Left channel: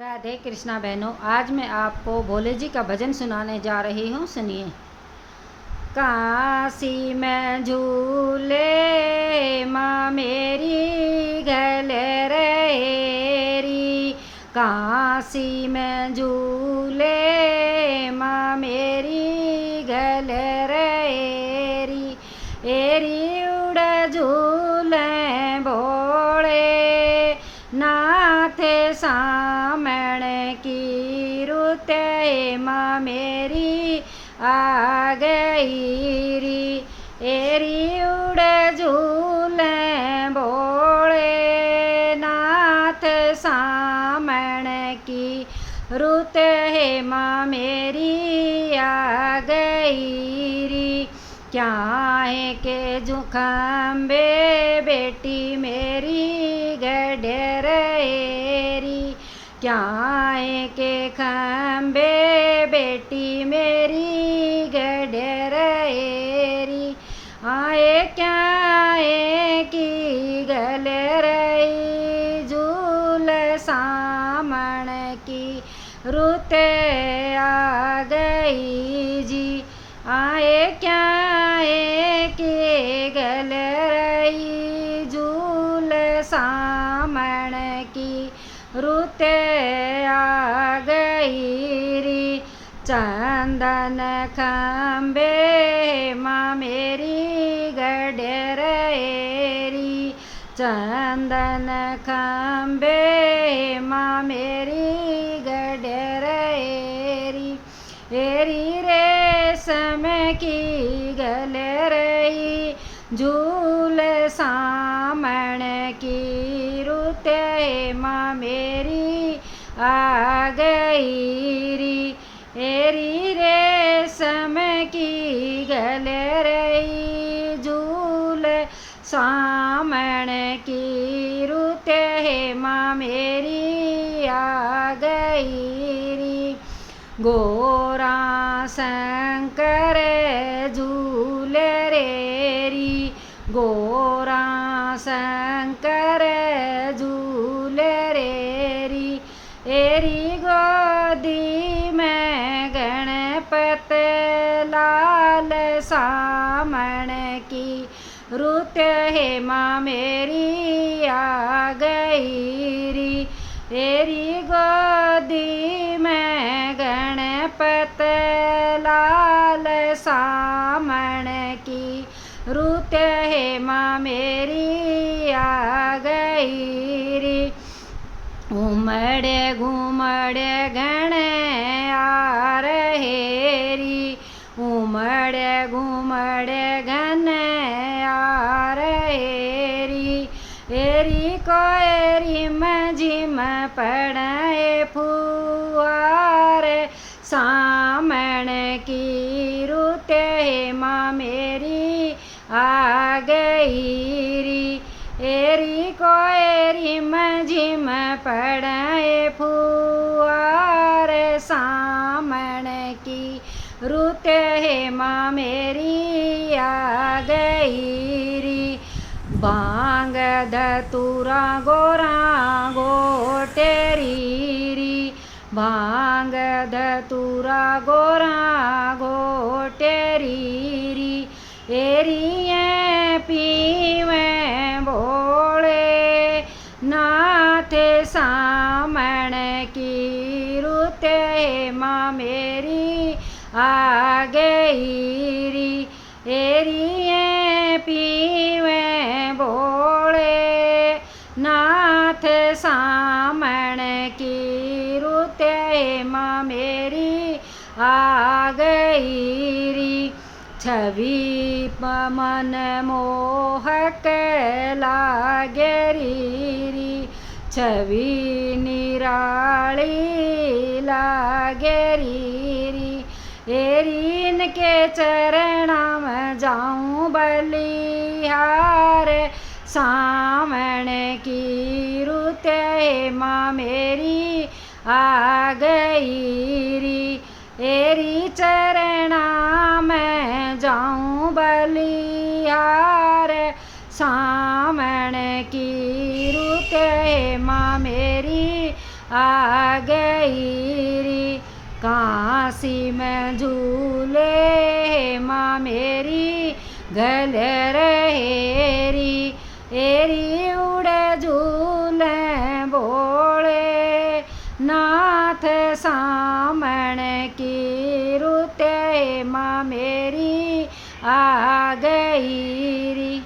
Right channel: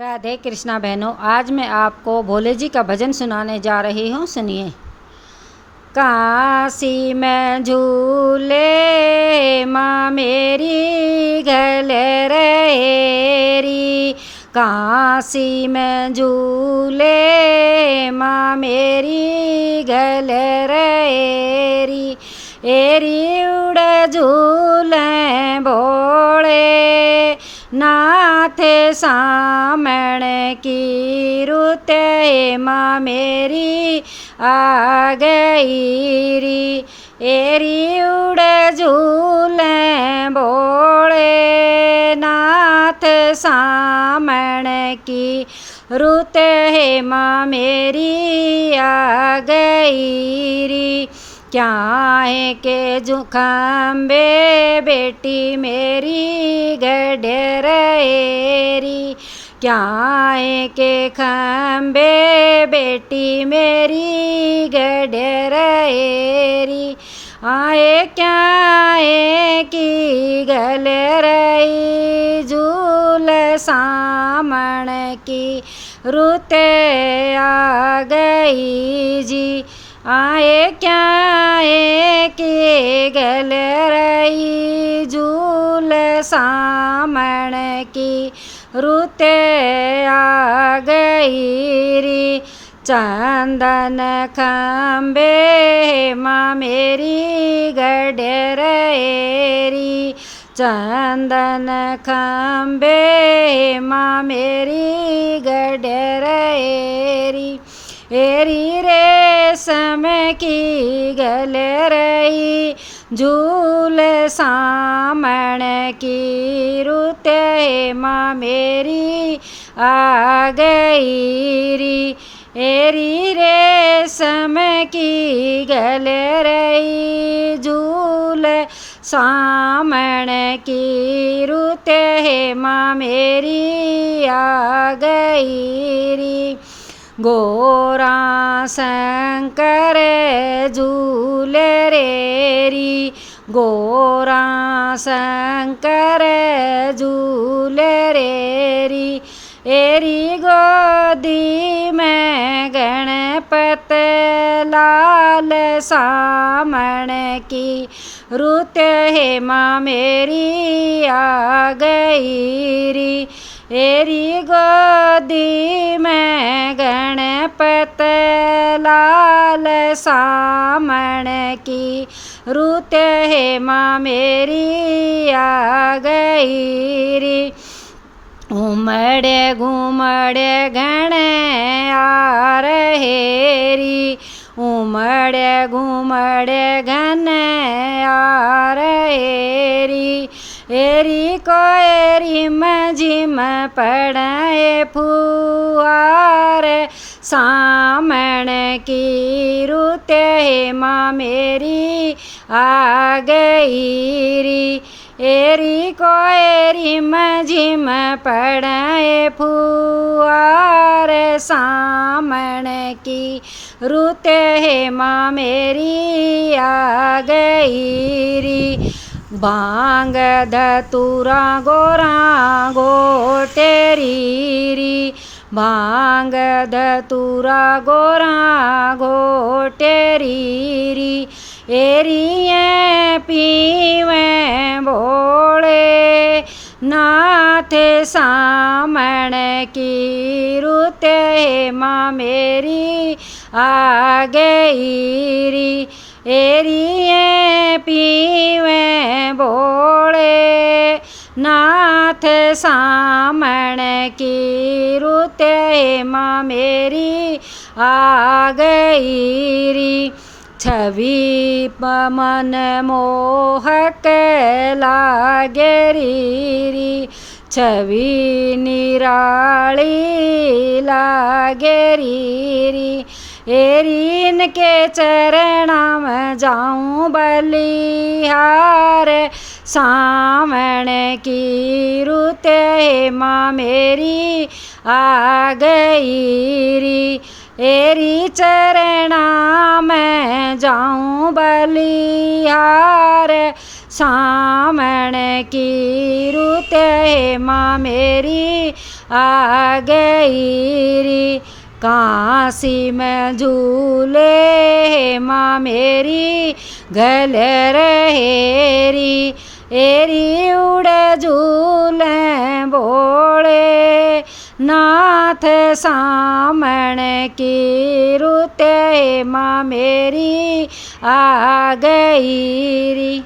राधे कृष्णा बहनों, आज मैं आपको भोले जी का भजन सुनाने जा रही हूँ। सुनिए। काशी में झूले माँ मेरी गल रहेरी, काशी में झूले माँ मेरी गल रहेरी, एरी उड़ झूले भोले नाथ सामण की रुते माँ मेरी आ गई री, एरी उड़ झूले भोले नाथ सामण की रुते माँ मेरी आ गई री। क्या है के जुखम्बे बेटी मेरी गढ़ रहेरी, क्या है के खम्बे बेटी मेरी गढ़ रहेरी, आए क्या है की गल रही झूल सामण की रुते आ गई जी, आए क्या है कि गल रही झूल सामण की रुते आ गई री। चंदन खम्बे माँ मेरी गढ़ रहेरी, चंदन खम्बे माँ मेरी गढ़ रहेरी, एरी रेशम की गल रही झूल सामण की रुते माँ मेरी आ गई री, एरी रेशम की गल रही झूल सामण की रुते माँ मेरी आ गई री। गोरा शंकर झूल रेरी, गोरा शंकर झूल रेरी, एरी गोदी में गणपत लाल सामण की रुते माँ मेरी आ गई री, एरी गोदी में गणपत लाल सामण की रुते माँ मेरी आ गई री। उमड़े घूमड़े घण आ रहे री, उमड़े घूमड़े घन आ रहे री, एरी कोयरी मझिम पड़े फुआर सामण की रुते माँ मेरी आ गई री, एरी कोयरी मझिम पड़े फुआर सामण की रुते माँ मेरी आ गई री। भांग धतूरा गोरा गोटेरी री, भांग धतूरा गोरा गोटेरी री, एरिए पीवे भोले नाथ सामण की रुते माँ मेरी आ गई री, एरिए पीवे भोले नाथ सामण की रुते माँ मेरी आ गई री। छवि मन मोहक लागे री, छवि निराली लागे री, एरी इनके चरणा में जाऊं बलिहार सामण की रुते माँ मेरी आ गई री, एरी चरणा में जाऊं बलिहार सामण की रुते माँ मेरी आ गई री। काशी में झूले माँ मेरी गल रहेरी। एरी उड़े झूले बोले नाथ सामण की रुते माँ मेरी आ गई री।